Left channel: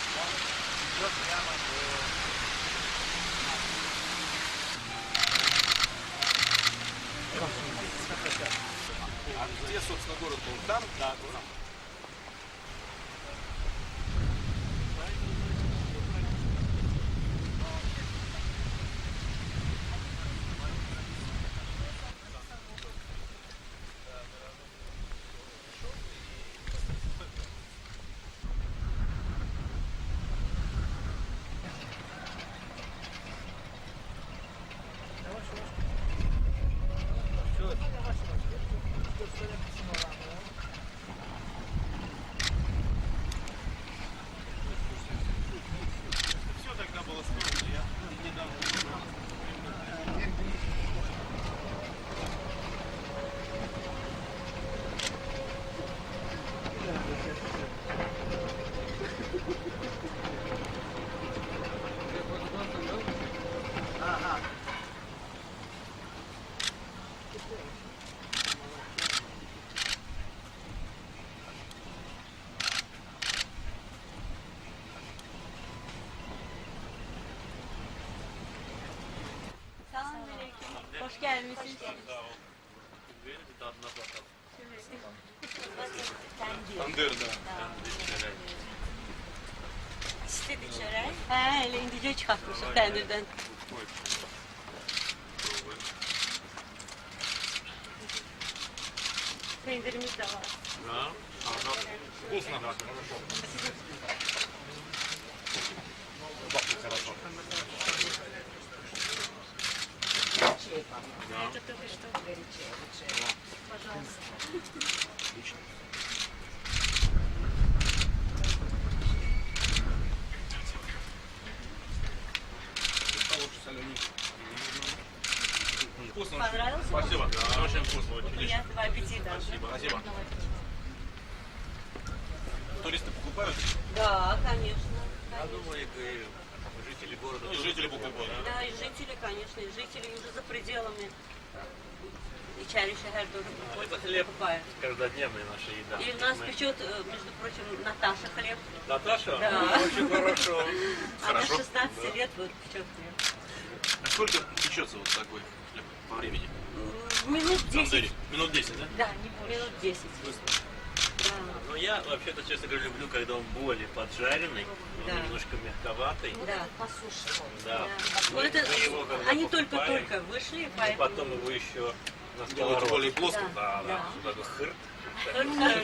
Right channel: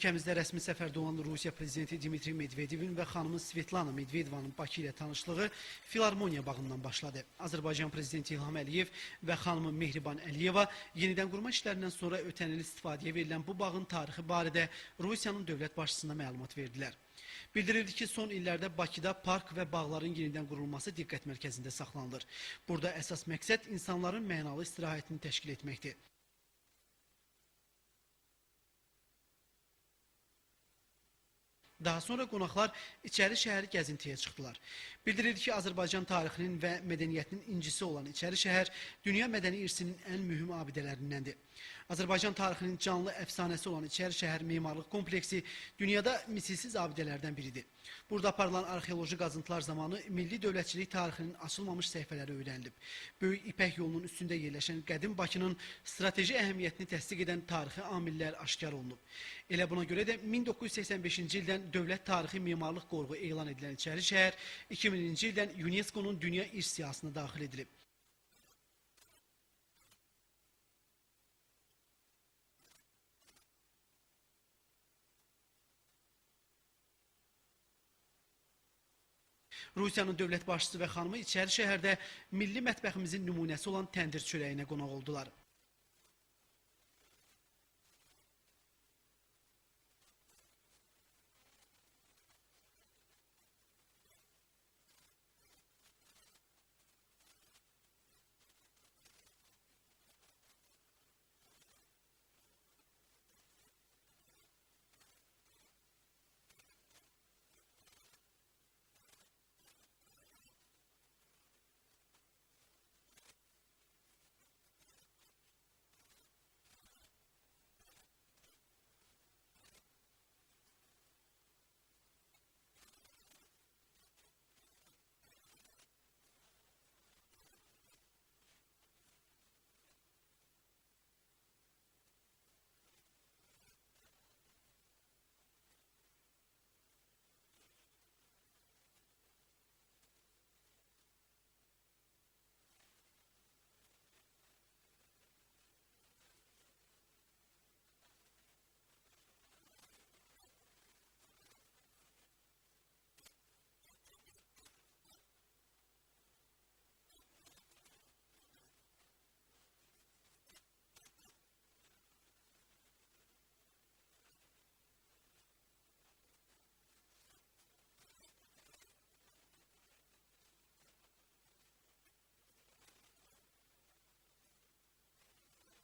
Ölkəmizdə rəsmi səfərdə olan Rusiya prezidenti Dmitri Medvedevin və xanım Svetlana Medvedevin Bakıya tanışdığı Filarmoniya bağından başladı. Azərbaycan prezidenti İlham Əliyev və xanım Mehriban Aliyeva yenidən qurma işlərindən sonra ötən il istifadəyə verilən bu bağın tarixi barədə Rusiyanın dövlət başçısına məlumat verdilər. Bildirildi ki, son illərdə Bakıda park və bağların yenidən qurulması diqqət mərkəzində saxlanılır. Burada əsas məqsəd insanların mənalı istirahətini təşkil etməkdir. Daha sonra qonaqlar İçəri şəhəri gəzintiyə çıxdılar. Bildirildi ki, Azərbaycan tarixinin və mədəniyyətinin incisi olan İçəri şəhər dünya mədəni irsinin ən mühüm abidələrindəndir. Azərbaycan tarixinin canlı əfsanəsi olan İçəri şəhər memarlıq kompleksi dünyada misilsiz abidələrdən biridir. Burada aparılan arxeoloji qazıntılar zamanı milli dövlətçilik tarixinin açılmamış səhifələridir. Böyük İpək yolunun üstündə yerləşən qədim Bakının strateji əhəmiyyətini təsdiq edən tarixi amillər işgal olundu. Elə buna görə də 1985-ci ildən dövlət tarixi memarlıq qrupu elan edilən İçəri şəhər 2000-ci ildən UNESCO-nun dünya irs siyahısına daxil edilib. Rusiyanın dövlət başçısı və xanımı İçəri şəhərdə milli mətbəximizin nümunəsi olan təndir çörəyinə qonaq oldular. Tandır da. İstedi çörək? Hə, elə indicə çıxartmışıq təndirdən. Pendirimiz də var. Вкусно. Пахнет хорошо. Это только что горячее. Пожалуйста. Отлично. Лучше соленый. Вкусно. Понравился? Спасибо. Да, очень вкусно. Очень Приятного аппетита. Спасибо. Спасибо. Туристы покупают? Да, конечно. Я думаю, и жители города. И жители покупают. Да, и жители, конечно, и жители уже за пределами. İçəri şəhər тоже Это приходят, хлеб покупают. каждодневная наша еда. И у нас печет, между прочим, Наташа хлеб. Наташа? Да. Очень хорошо. Она Хорошо. 16 лет вот печет хлеб. А сколько печется вот такой хлеб по времени? Минут В 10. тандыре? Минут 10, да? Да, не больше. Минут 10. Да. Но я вообще-то, честно говоря, люблю, когда он более поджаренный, он Да. немножко мягковатый. Да, по суше. Да. Вот это, Мы его, когда они покупаем, только-только вышли, и поэтому... потом его еще на Делают более сковородке. плоско. Да, да. Да. Такой хыр.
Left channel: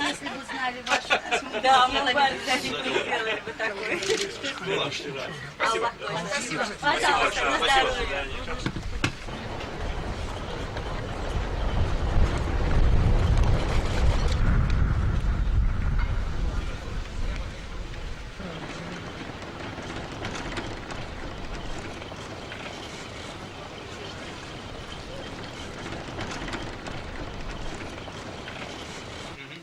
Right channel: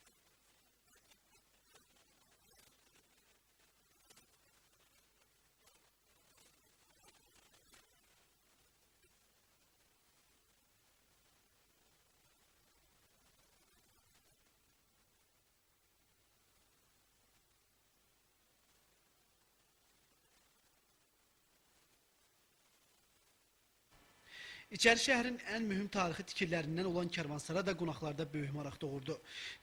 Если бы знали ваши Да, мы бы обязательно сделали бы такой. Ну ладно. Спасибо. Аллах точно. Спасибо. Пожалуйста, на Спасибо. здоровье. İçəri şəhərin ən mühüm tarixi fikirlərindən olan karvansara da qonaqlarda buyurulmuşda oldu.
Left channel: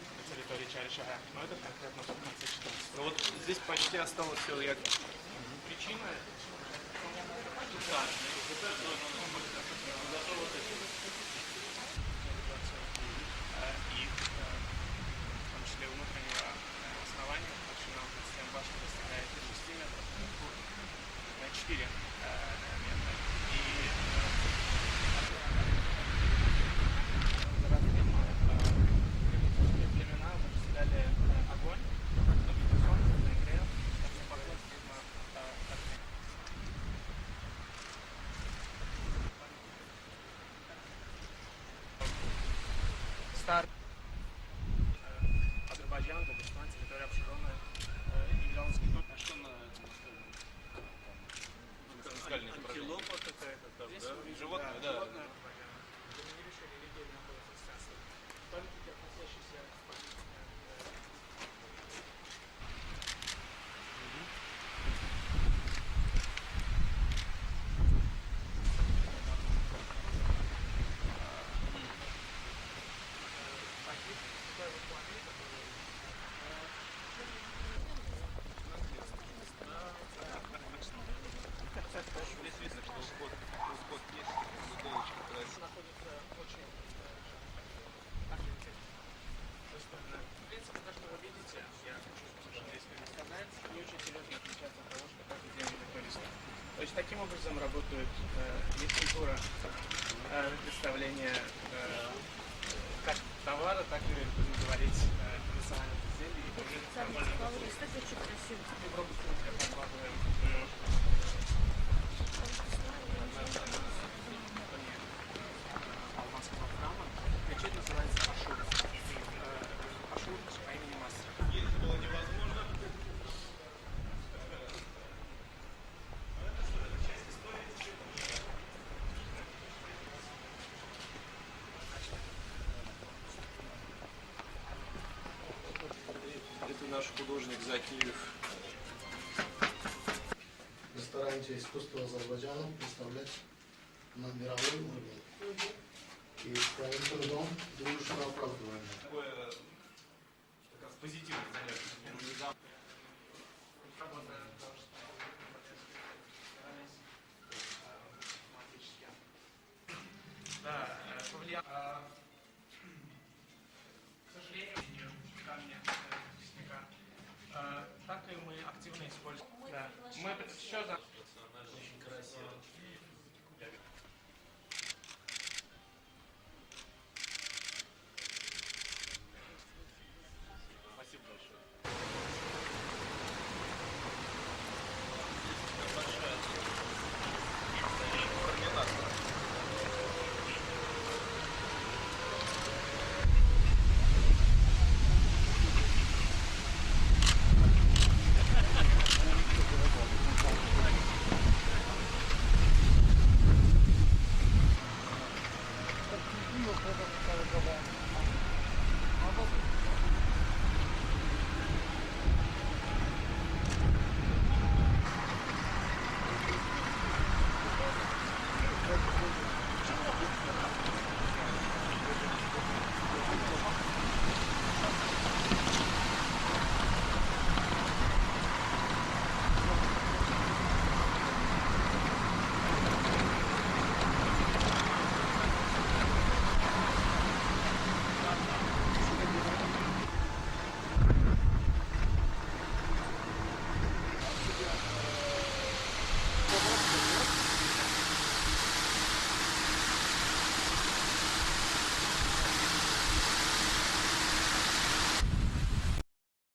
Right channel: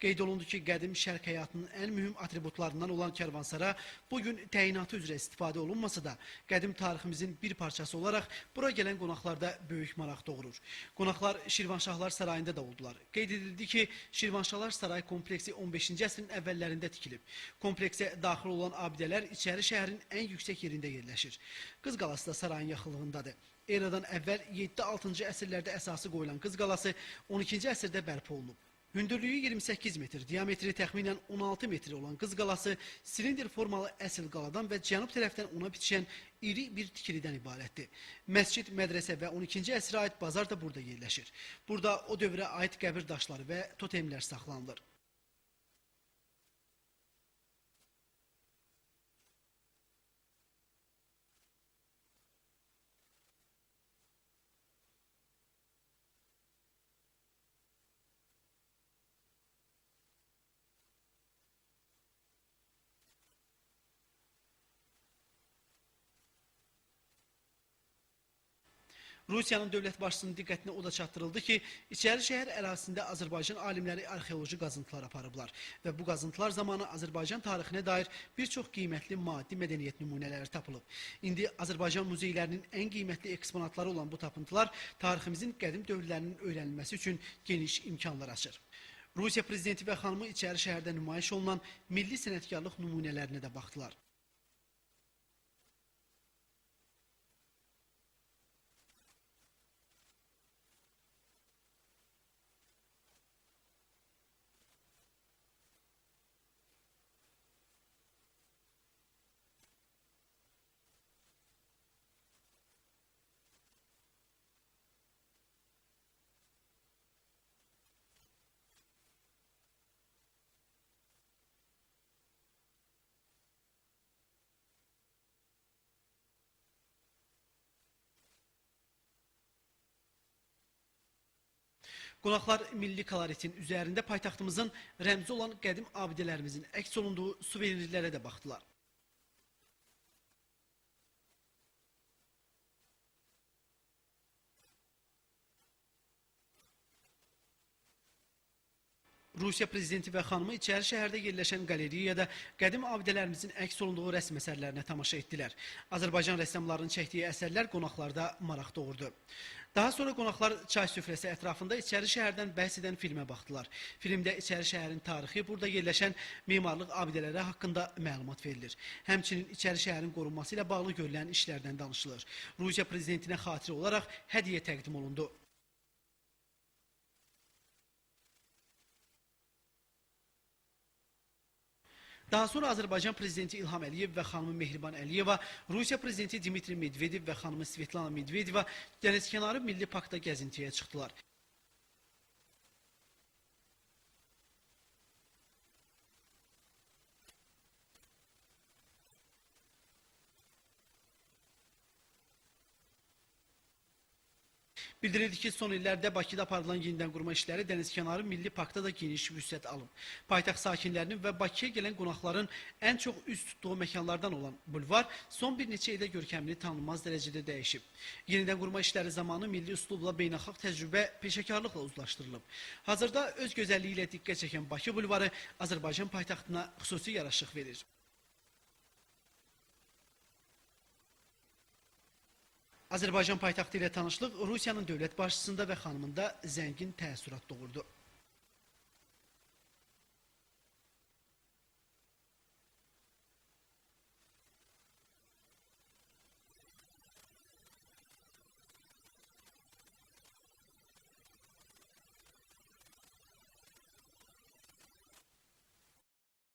Qeyd olundu ki, qədim şərq həyatının ən mühüm atributlarından olan karvansara bugün təyinatı üzrə istifadə olunmasa da, qədim tariximizin bir parçası olaraq bura gələn qonaqlarda böyük maraq doğurur. Qonaqlar Şirvanşahlar Sarayında da oldular. Qeyd edildi ki, Şirvanşahlar Saray kompleksi 15-ci əsrin əvvəllərində tikilib. Kompleksə daxil olan abidələr İçəri şəhərin ən yüksək yerində yerləşir. Qız qalası da sarayın yaxınlığındadır. Eradan əvvəl 7-6-cı əsrlərdə əsası qoyulan Qız qalası 12-ci əsrdə bərpa olundu. Hündürlüyü 28 metr, diametri təxminən 16 metr olan Qız qalası silindr formalı əsl qaladan və cənub tərəfdən ona bitişən iri bir tikilidən ibarətdir. Məscid, mədrəsə və 12-ci əsrə aid bazar da burada yerləşir. Burada o dövrə aid qəbir daşları və totemlər saxlanılır. Азербайджан, Дагестан, территория обширенная. Являлась не только что на Наскальные изображения. Антилопа какая-то там, да? Животные, да. Rusiyanın dövlət başçısının diqqətinə o da çatdırıldı ki, İçəri şəhər ərazisində Azərbaycan alimləri arxeoloji qazıntılar aparıblar və bu qazıntılar zamanı Azərbaycan tarixinə dair bir çox qiymətli maddi mədəniyyət nümunələri tapılır. İndi Azərbaycan muzeylərinin ən qiymətli eksponatları olan bu tapıntılar tariximizin qədim dövrlərinin öyrənilməsi üçün geniş imkanlar açır. Rusiya prezidenti və xanımı İçəri şəhərdə nümayiş olunan milli sənətkarlıq nümunələrinə də baxdılar. есть таким образом работает вид культура представления как товара, так и, будем говорить, национальных изделий. Европу подкладываем алмазского храма. Мечеть называется Ашур. Ашур по имени Мастер. Qonaqlar milli koloritin üzərində paytaxtımızın rəmzi olan qədim abidələrimizin əks olunduğu suvenirlərə də baxdılar. В ресторане искусства Азербайджана представлять на мировой уровень. И своим трудом дружно оправдываем. Rusiya prezidenti və xanımı içəri şəhərdə yerləşən qalereyada qədim abidələrimizin əks olunduğu rəsm əsərlərinə tamaşa etdilər. Azərbaycan rəssamlarının çəkdiyi əsərlər qonaqlarda maraq doğurdu. Daha sonra qonaqlar çay süfrəsi ətrafında içəri şəhərdən bəhs edən filmə baxdılar. Filmdə içəri şəhərin tarixi, burada yerləşən memarlıq abidələri haqqında məlumat verilir. Həmçinin içəri şəhərin qorunması ilə bağlı görülən işlərdən danışılır. Rusiya prezidentinə xatirə olaraq hədiyyə təqdim olundu. Daha sonra Azərbaycan prezidenti İlham Əliyev və xanım Mehriban Əliyeva, Rusiya prezidenti Dmitri Medvedev və xanım Svetlana Medvedeva dənizkənarı milli parkda gəzintiyə çıxdılar. Bildirildi ki, son illərdə Bakıda aparılan yeniləndirmə işləri dənizkənarı milli parkda da geniş vüsət alır. Paytaxt sakinlərinin və Bakıya gələn qonaqların ən çox üst tutduğu məkanlardan olan bu bulvar son bir neçə ildə ölkəliyi tanınmaz dərəcədə dəyişir. Yenidən qurma işləri zamanı milli üslubla beynəlxalq təcrübə peşəkarlıq oluşmuşdur. Hazırda öz gözəlliyi ilə diqqət çəkən Bakı bulvarı Azərbaycan paytaxtına xüsusi yaraşıq verir.